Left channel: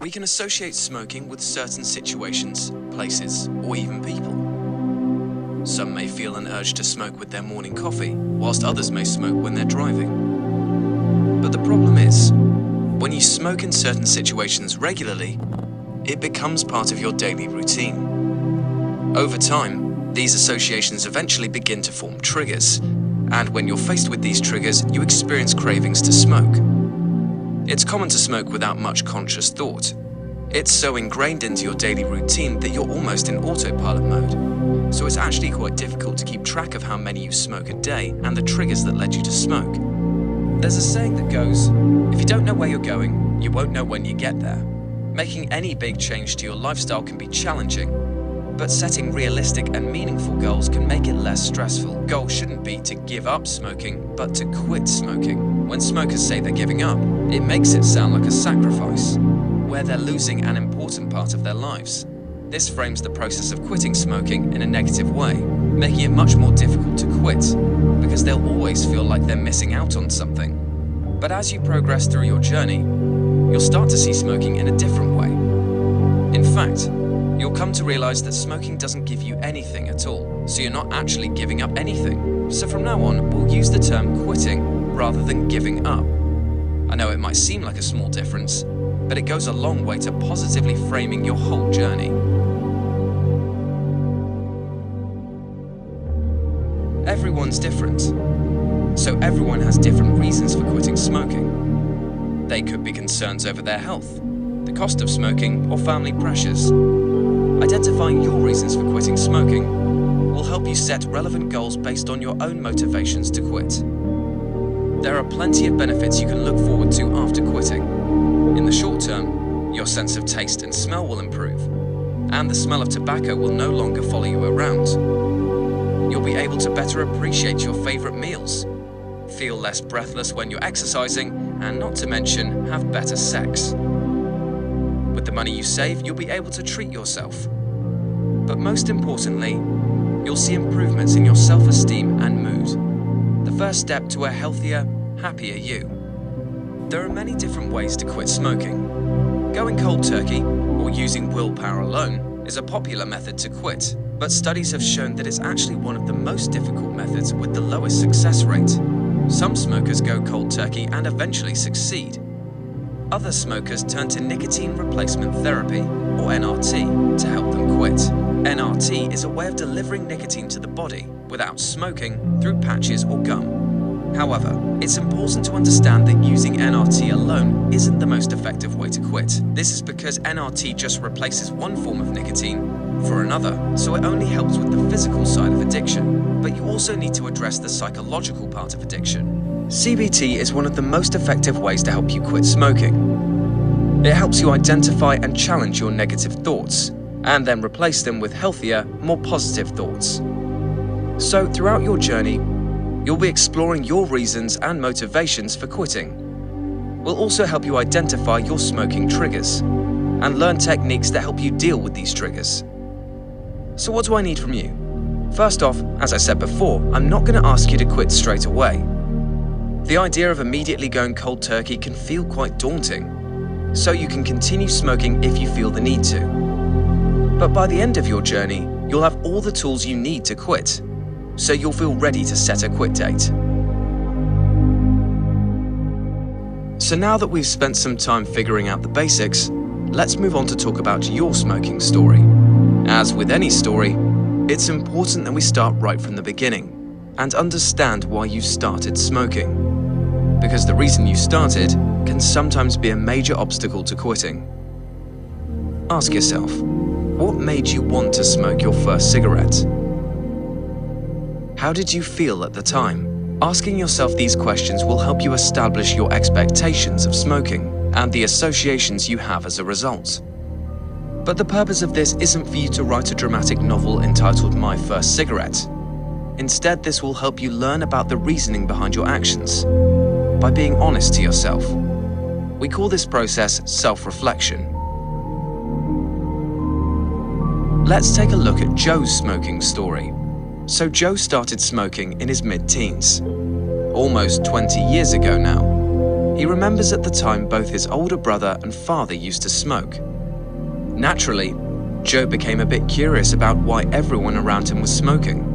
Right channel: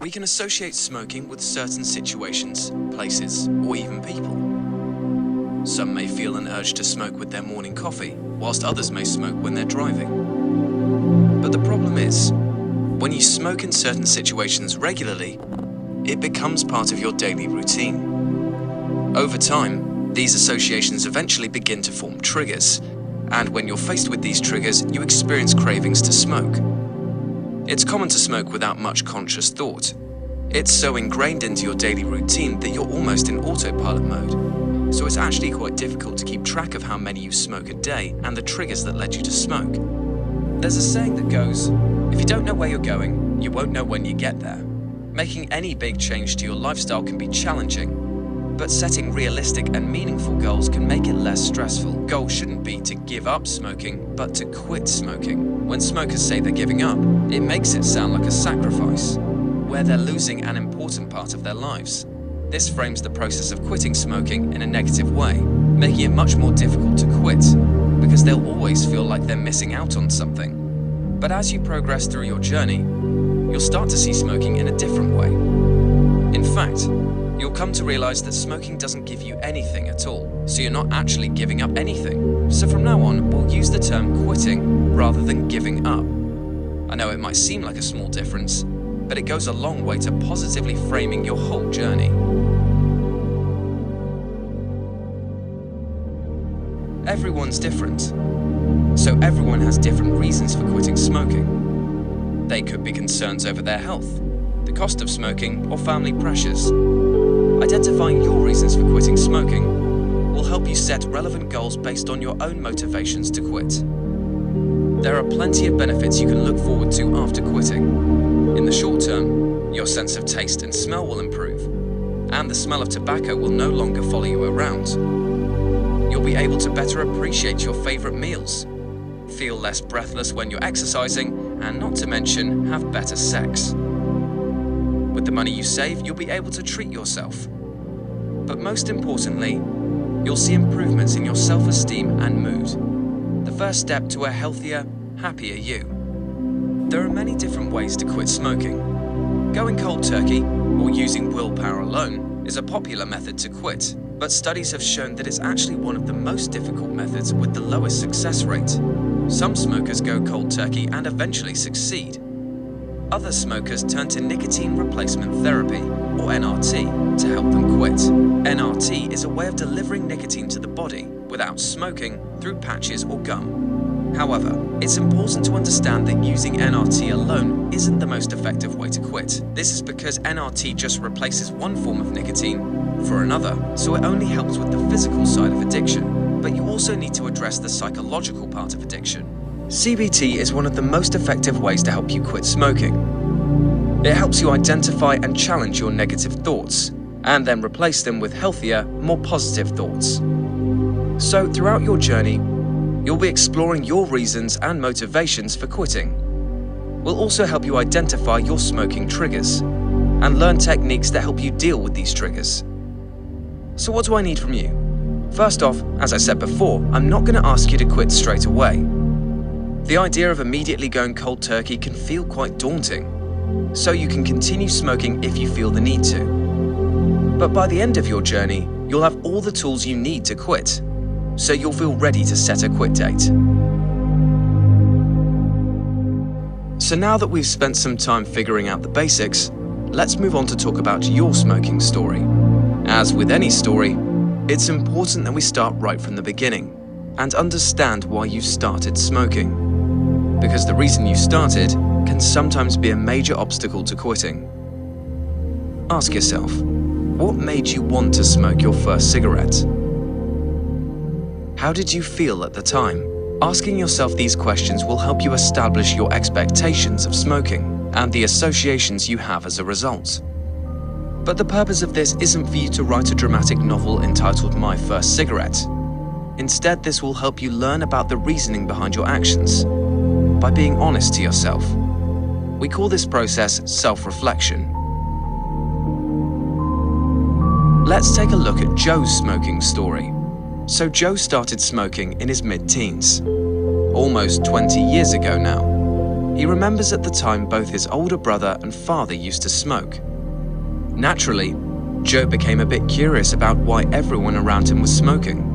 We can associate smoking with certain situations, places, or even people. Some may feel an urge to smoke with their morning coffee, whilst others may smoke when they're driving. But the problem is, when you smoke in certain situations regularly, it becomes part of your daily routine. Over time, these associations eventually begin to form triggers, and when you're faced with these triggers, you experience cravings to smoke. It's common to smoke without much conscious thought. It's so ingrained into your daily routine that you're almost in autopilot mode. So it's actually quite difficult to keep track of how many you smoke a day and the triggers that led you to smoke. There's a saying that goes, if you don't know where you're going, you won't know when you get there. Making any big change to your lifestyle can be challenging, but setting realistic and meaningful goals can make it less stressful. Goal shouldn't be to give up smoking, but to quit smoking. When smokers say they're giving up, it makes it sound like a sacrifice, where they're losing an important part of their lives. This frames the process of quitting smoking in a negative way, making it much more difficult to quit, because they'll always feel like they're missing out on something. But as you progress through your journey, you'll start to see smoking in a different way. In fact, you'll come to realize that smoking doesn't give you anything at all, so you're not actually giving up anything. So from now on, we'll use the term quitting rather than giving up. I know it might seem like a small difference, but it goes a long way to positively framing your whole journey. Everyone's different, so everyone has different reasons for quitting smoking. They could be concerns over their health, the cost of smoking, or family pressures. Identifying your reasons for quitting smoking will help you set relevant goals based on your own motivations to quit. There are plenty of benefits you can look forward to after quitting. In the short term, your sense of taste and smell will improve, and the smell of tobacco will no longer follow you around. You'll be able to better appreciate your favorite meals, feel less breathless when you're exercising, and not to mention, have better sex. With the money you save, you'll be able to treat yourself. But most importantly, you'll see improvements in your self-esteem and mood. The first step to a healthier, happier you. There are many different ways to quit smoking. Going cold turkey, or using willpower alone, is a popular method to quit, but studies have shown that it's actually one of the most difficult methods with the lowest success rate. Some smokers go cold turkey and eventually succeed. Other smokers turn to nicotine replacement therapy, or NRT, to help them quit. NRT is a way of delivering nicotine to the body without smoking through patches or gum. However, it's important to understand that using NRT alone isn't the most effective way to quit. This is because NRT just replaces one form of nicotine for another, so it only helps with the physical side of addiction, but you also need to address the psychological part of addiction. CBT is one of the most effective ways to help you quit smoking. It helps you identify and challenge your negative thoughts, and then replace them with healthier, more positive thoughts. So throughout your journey, you'll be exploring your reasons and motivations for quitting. We'll also help you identify your smoking triggers, and learn techniques that help you deal with these triggers. So what do I need from you? First off, as I said before, I'm not going to ask you to quit straight away. The idea of immediately going cold turkey can feel quite daunting, so you can continue smoking if you feel the need to. But by the end of your journey, you'll have all the tools you need to quit, so you'll feel ready to set a quit date. So now that we've spent some time figuring out the basics, let's move on to talk about your smoking story. As with any story, it's important that we start right from the beginning and understand why you started smoking. Because the reason you started can sometimes be a major obstacle to quitting. Ask yourself, what made you want to smoke your first cigarette? How did you feel at the time? Asking yourself these questions will help you establish your expectations of smoking and the associations you have as a result. But the purpose of this isn't for you to write a dramatic novel entitled My First Cigarette. Instead, this will help you learn about the reasoning behind your actions by being honest to yourself. We call this process self-reflection. Let's take a look at Joe's smoking story. So Joe started smoking in his mid-teens, almost 20 years ago now. He remembers at the time both his older brother and father used to smoke. Naturally, Joe became a bit curious about why everyone around him was smoking.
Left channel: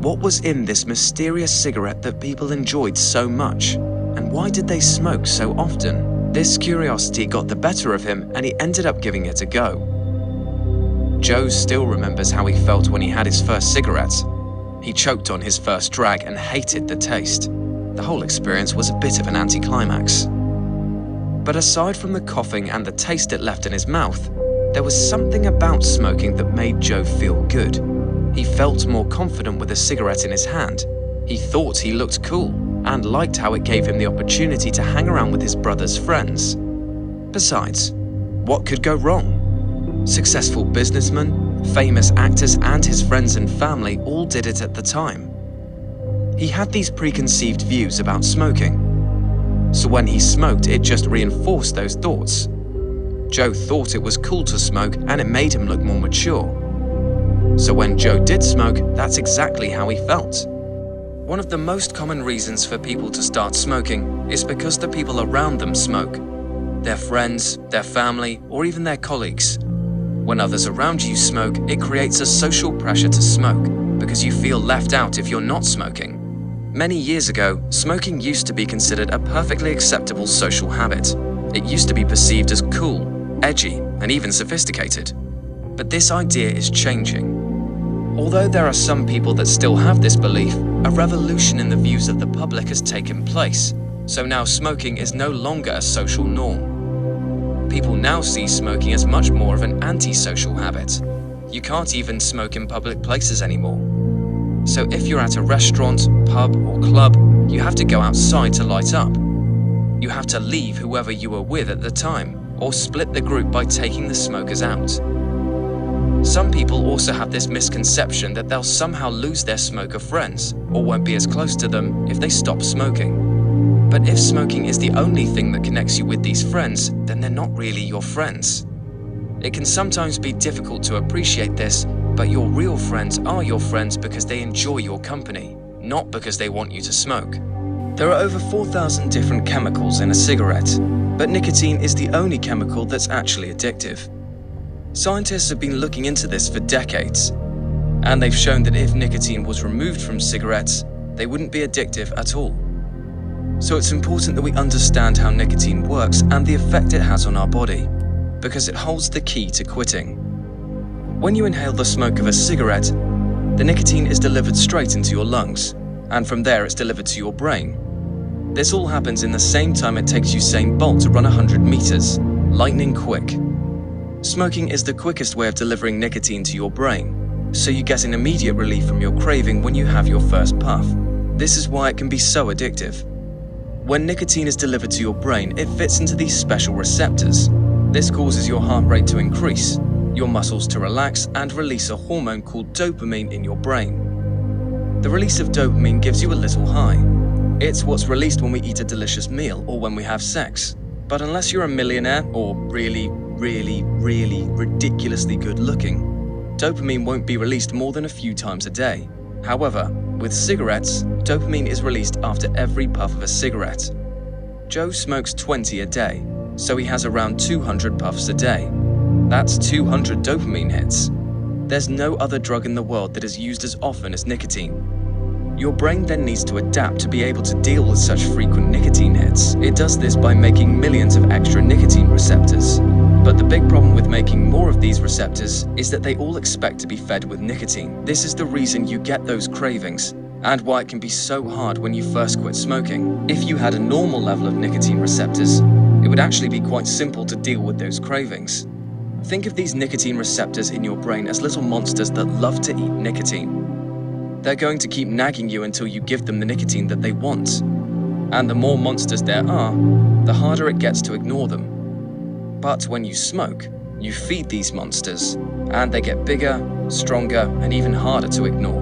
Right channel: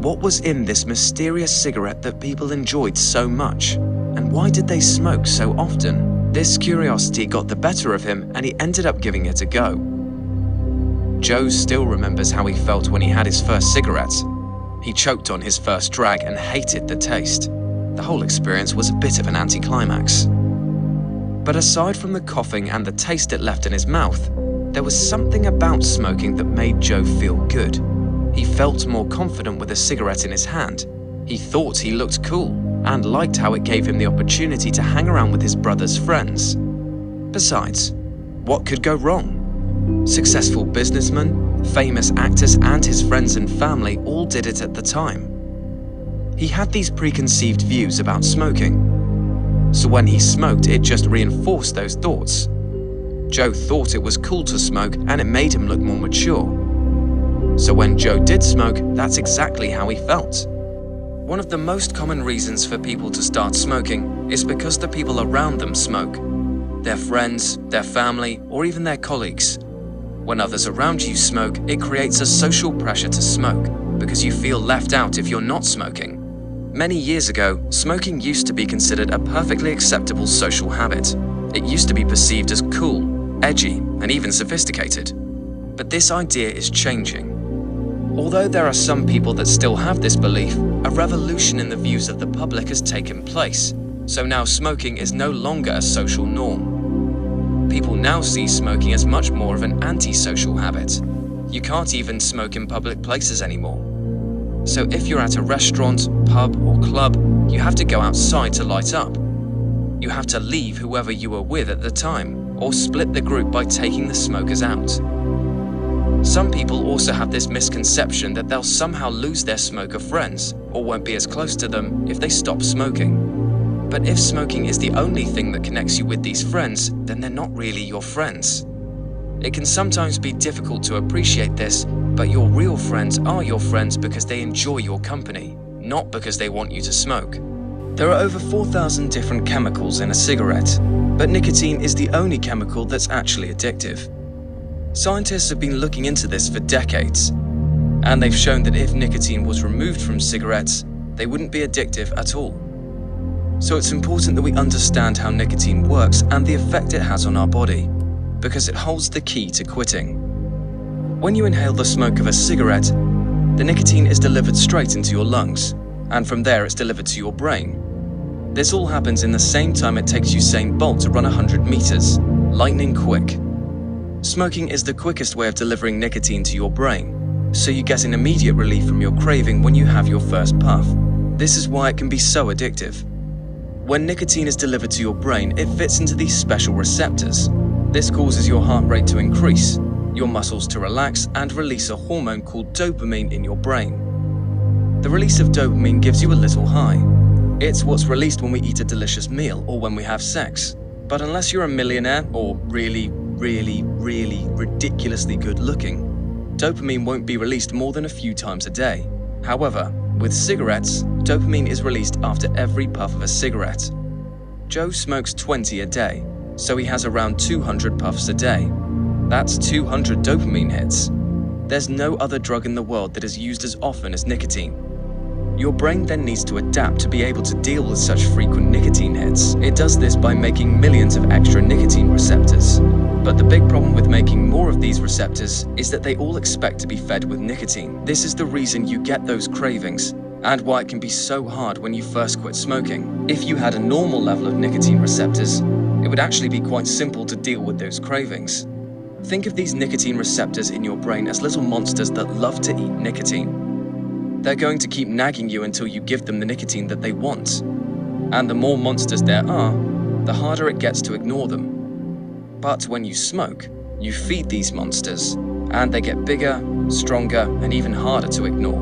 What was in this mysterious cigarette that people enjoyed so much? And why did they smoke so often? This curiosity got the better of him and he ended up giving it a go. Joe still remembers how he felt when he had his first cigarette. He choked on his first drag and hated the taste. The whole experience was a bit of an anticlimax. But aside from the coughing and the taste it left in his mouth, there was something about smoking that made Joe feel good. He felt more confident with a cigarette in his hand. He thought he looked cool and liked how it gave him the opportunity to hang around with his brother's friends. Besides, what could go wrong? Successful businessmen, famous actors, and his friends and family all did it at the time. He had these preconceived views about smoking. So when he smoked, it just reinforced those thoughts. Joe thought it was cool to smoke and it made him look more mature. So when Joe did smoke, that's exactly how he felt. One of the most common reasons for people to start smoking is because the people around them smoke. Their friends, their family, or even their colleagues. When others around you smoke, it creates a social pressure to smoke because you feel left out if you're not smoking. Many years ago, smoking used to be considered a perfectly acceptable social habit. It used to be perceived as cool, edgy, and even sophisticated. But this idea is changing. Although there are some people that still have this belief, a revolution in the views of the public has taken place. So now smoking is no longer a social norm. People now see smoking as much more of an antisocial habit. You can't even smoke in public places anymore. So if you're at a restaurant, pub, or club, you have to go outside to light up. You have to leave whoever you were with at the time, or split the group by taking the smokers out. Some people also have this misconception that they'll somehow lose their smoker friends, or won't be as close to them if they stop smoking. But if smoking is the only thing that connects you with these friends, then they're not really your friends. It can sometimes be difficult to appreciate this, but your real friends are your friends because they enjoy your company, not because they want you to smoke. There are over 4,000 different chemicals in a cigarette, but nicotine is the only chemical that's actually addictive. Scientists have been looking into this for decades, and they've shown that if nicotine was removed from cigarettes, they wouldn't be addictive at all. So it's important that we understand how nicotine works and the effect it has on our body, because it holds the key to quitting. When you inhale the smoke of a cigarette, the nicotine is delivered straight into your lungs, and from there it's delivered to your brain. This all happens in the same time it takes Usain Bolt to run 100 meters, lightning quick. Smoking is the quickest way of delivering nicotine to your brain, so you get an immediate relief from your craving when you have your first puff. This is why it can be so addictive. When nicotine is delivered to your brain, it fits into these special receptors. This causes your heart rate to increase, your muscles to relax, and release a hormone called dopamine in your brain. The release of dopamine gives you a little high. It's what's released when we eat a delicious meal or when we have sex. But unless you're a millionaire or really ridiculously good looking, dopamine won't be released more than a few times a day. However, with cigarettes, dopamine is released after every puff of a cigarette. Joe smokes 20 a day, so he has around 200 puffs a day. That's 200 dopamine hits. There's no other drug in the world that is used as often as nicotine. Your brain then needs to adapt to be able to deal with such frequent nicotine hits. It does this by making millions of extra nicotine receptors. But the big problem with making more of these receptors is that they all expect to be fed with nicotine. This is the reason you get those cravings, and why it can be so hard when you first quit smoking. If you had a normal level of nicotine receptors, it would actually be quite simple to deal with those cravings. Think of these nicotine receptors in your brain as little monsters that love to eat nicotine. They're going to keep nagging you until you give them the nicotine that they want. And the more monsters there are, the harder it gets to ignore them. But when you smoke, you feed these monsters, and they get bigger, stronger, and even harder to ignore.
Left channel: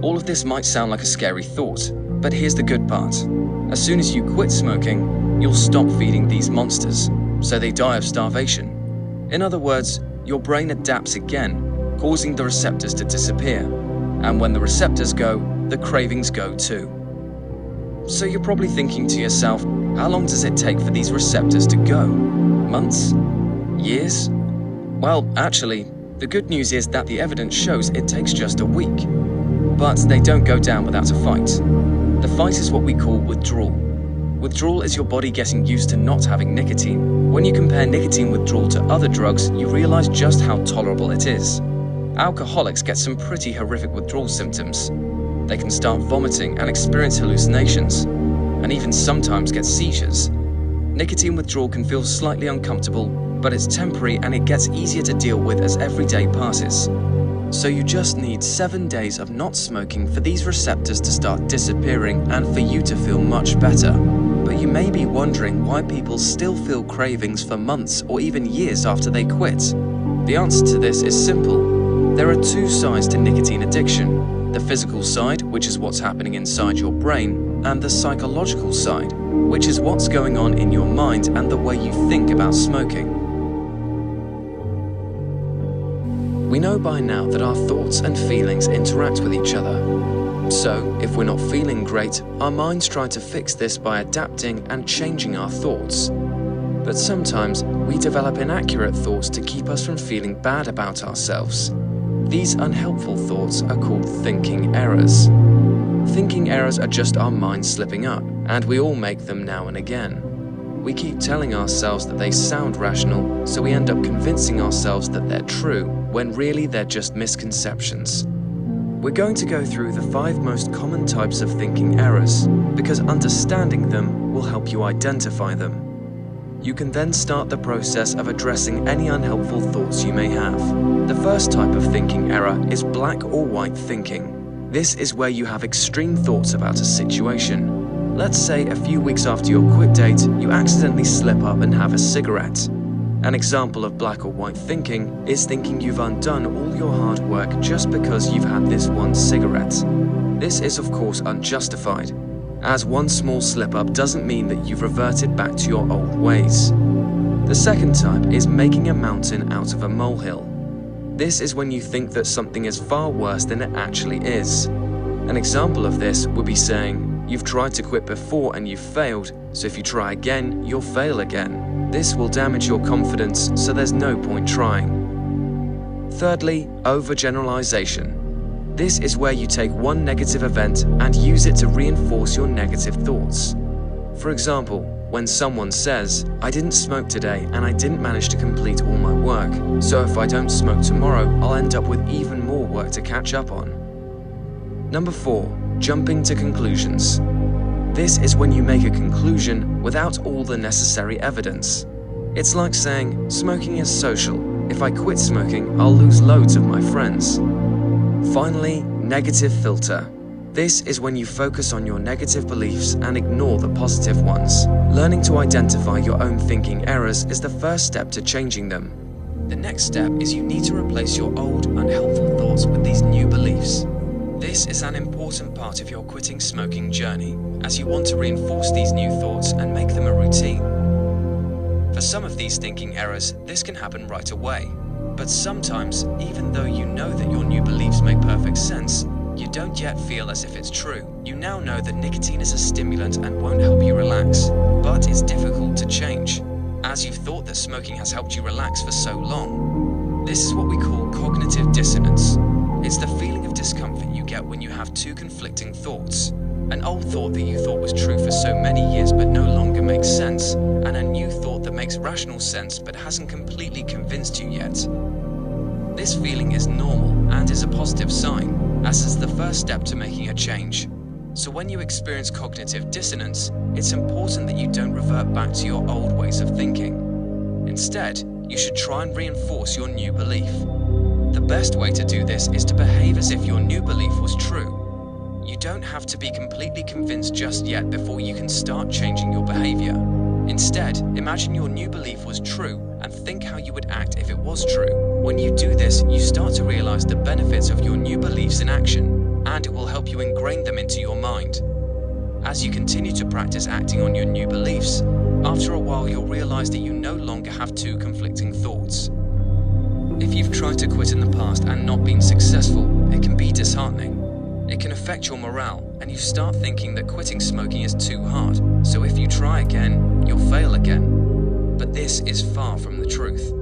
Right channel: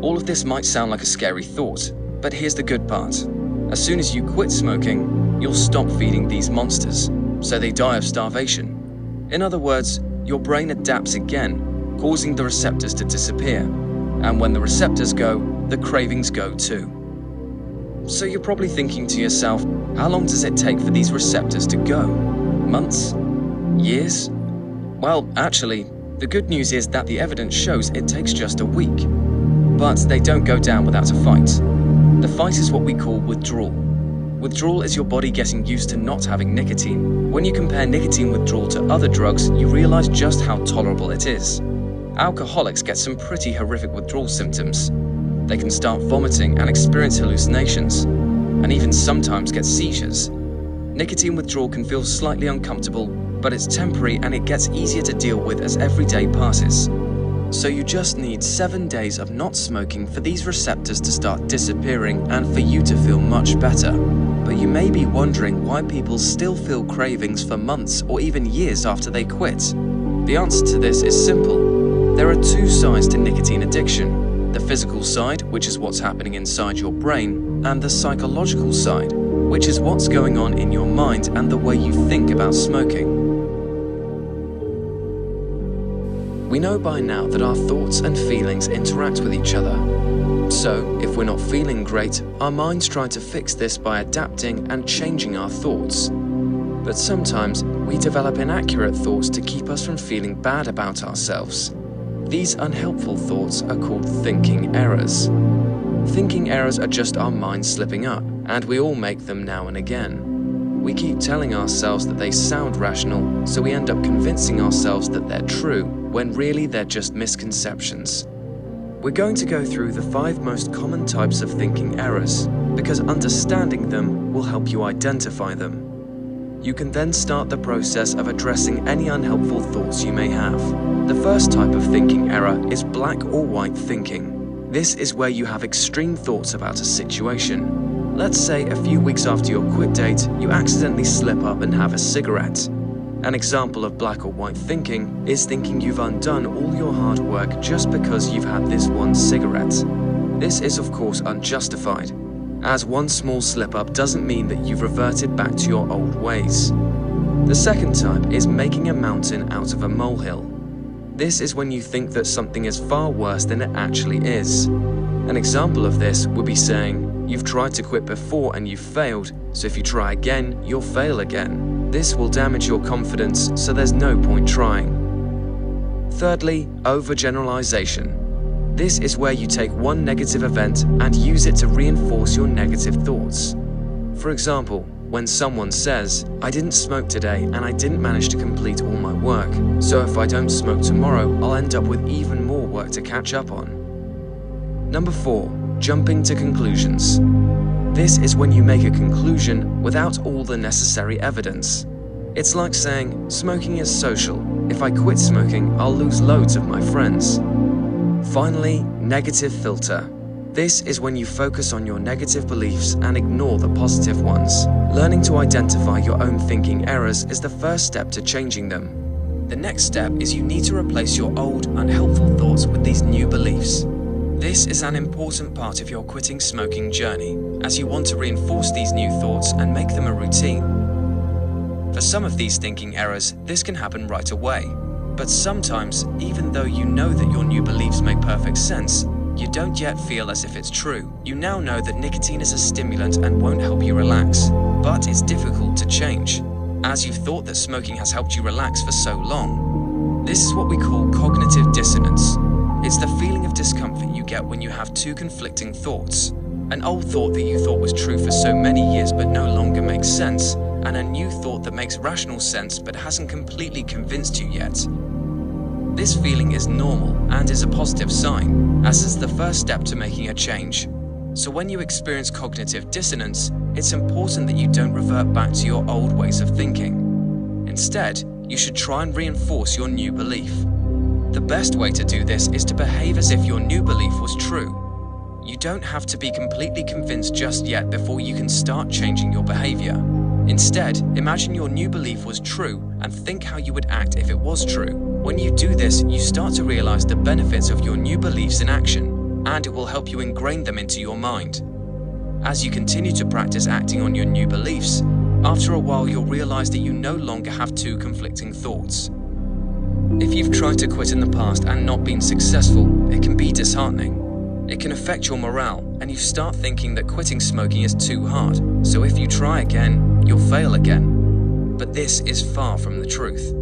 All of this might sound like a scary thought, but here's the good part. As soon as you quit smoking, you'll stop feeding these monsters, so they die of starvation. In other words, your brain adapts again, causing the receptors to disappear. And when the receptors go, the cravings go too. So you're probably thinking to yourself, how long does it take for these receptors to go? Months? Years? Well, actually, the good news is that the evidence shows it takes just a week. But they don't go down without a fight. The fight is what we call withdrawal. Withdrawal is your body getting used to not having nicotine. When you compare nicotine withdrawal to other drugs, you realize just how tolerable it is. Alcoholics get some pretty horrific withdrawal symptoms. They can start vomiting and experience hallucinations, and even sometimes get seizures. Nicotine withdrawal can feel slightly uncomfortable, but it's temporary and it gets easier to deal with as every day passes. So you just need 7 days of not smoking for these receptors to start disappearing and for you to feel much better. But you may be wondering why people still feel cravings for months or even years after they quit. The answer to this is simple. There are two sides to nicotine addiction: the physical side, which is what's happening inside your brain, and the psychological side, which is what's going on in your mind and the way you think about smoking. We know by now that our thoughts and feelings interact with each other. So, if we're not feeling great, our minds try to fix this by adapting and changing our thoughts. But sometimes, we develop inaccurate thoughts to keep us from feeling bad about ourselves. These unhelpful thoughts are called thinking errors. Thinking errors are just our minds slipping up, and we all make them now and again. We keep telling ourselves that they sound rational, so we end up convincing ourselves that they're true, when really they're just misconceptions. We're going to go through the 5 most common types of thinking errors, because understanding them will help you identify them. You can then start the process of addressing any unhelpful thoughts you may have. The first type of thinking error is black or white thinking. This is where you have extreme thoughts about a situation. Let's say a few weeks after your quit date, you accidentally slip up and have a cigarette. An example of black or white thinking is thinking you've undone all your hard work just because you've had this one cigarette. This is of course unjustified, as one small slip-up doesn't mean that you've reverted back to your old ways. The second type is making a mountain out of a molehill. This is when you think that something is far worse than it actually is. An example of this would be saying, you've tried to quit before and you've failed, so if you try again, you'll fail again. This will damage your confidence, so there's no point trying. Thirdly, overgeneralization. This is where you take one negative event and use it to reinforce your negative thoughts. For example, when someone says, I didn't smoke today and I didn't manage to complete all my work, so if I don't smoke tomorrow, I'll end up with even more work to catch up on. Number 4, jumping to conclusions. This is when you make a conclusion without all the necessary evidence. It's like saying, smoking is social. If I quit smoking, I'll lose loads of my friends. Finally, negative filter. This is when you focus on your negative beliefs and ignore the positive ones. Learning to identify your own thinking errors is the first step to changing them. The next step is you need to replace your old, unhelpful thoughts with these new beliefs. This is an important part of your quitting smoking journey, as you want to reinforce these new thoughts and make them a routine. For some of these thinking errors, this can happen right away. But sometimes, even though you know that your new beliefs make perfect sense, you don't yet feel as if it's true. You now know that nicotine is a stimulant and won't help you relax, but it's difficult to change, as you've thought that smoking has helped you relax for so long. This is what we call cognitive dissonance. It's the feeling of discomfort you get when you have two conflicting thoughts. An old thought that you thought was true for so many years but no longer makes sense, and a new thought that makes rational sense but hasn't completely convinced you yet. This feeling is normal and is a positive sign, as is the first step to making a change. So when you experience cognitive dissonance, it's important that you don't revert back to your old ways of thinking. Instead, you should try and reinforce your new belief. The best way to do this is to behave as if your new belief was true. You don't have to be completely convinced just yet before you can start changing your behavior. Instead, imagine your new belief was true and think how you would act if it was true. When you do this, you start to realize the benefits of your new beliefs in action, and it will help you ingrain them into your mind. As you continue to practice acting on your new beliefs, after a while you'll realize that you no longer have two conflicting thoughts. If you've tried to quit in the past and not been successful, it can be disheartening. It can affect your morale, and you start thinking that quitting smoking is too hard, so if you try again, you'll fail again. But this is far from the truth.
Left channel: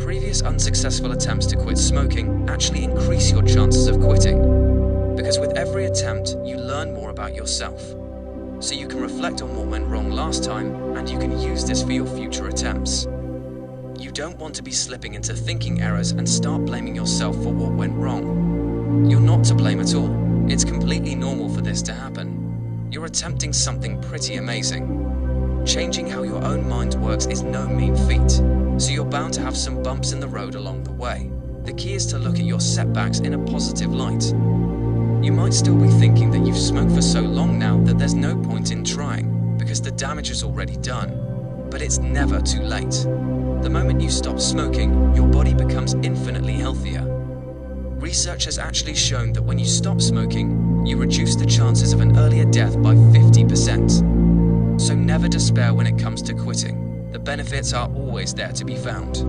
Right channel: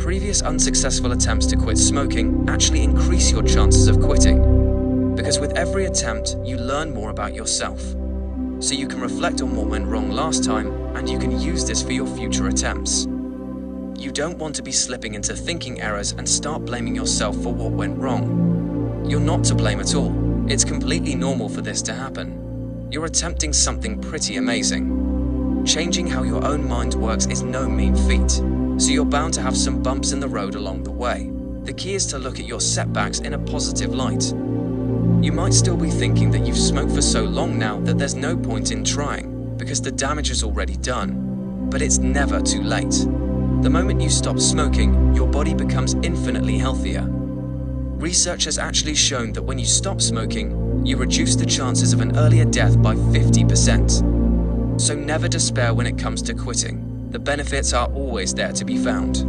Previous unsuccessful attempts to quit smoking actually increase your chances of quitting, because with every attempt, you learn more about yourself. So you can reflect on what went wrong last time, and you can use this for your future attempts. You don't want to be slipping into thinking errors and start blaming yourself for what went wrong. You're not to blame at all. It's completely normal for this to happen. You're attempting something pretty amazing. Changing how your own mind works is no mean feat, so you're bound to have some bumps in the road along the way. The key is to look at your setbacks in a positive light. You might still be thinking that you've smoked for so long now that there's no point in trying, because the damage is already done. But it's never too late. The moment you stop smoking, your body becomes infinitely healthier. Research has actually shown that when you stop smoking, you reduce the chances of an earlier death by 50%. So never despair when it comes to quitting. The benefits are always there to be found.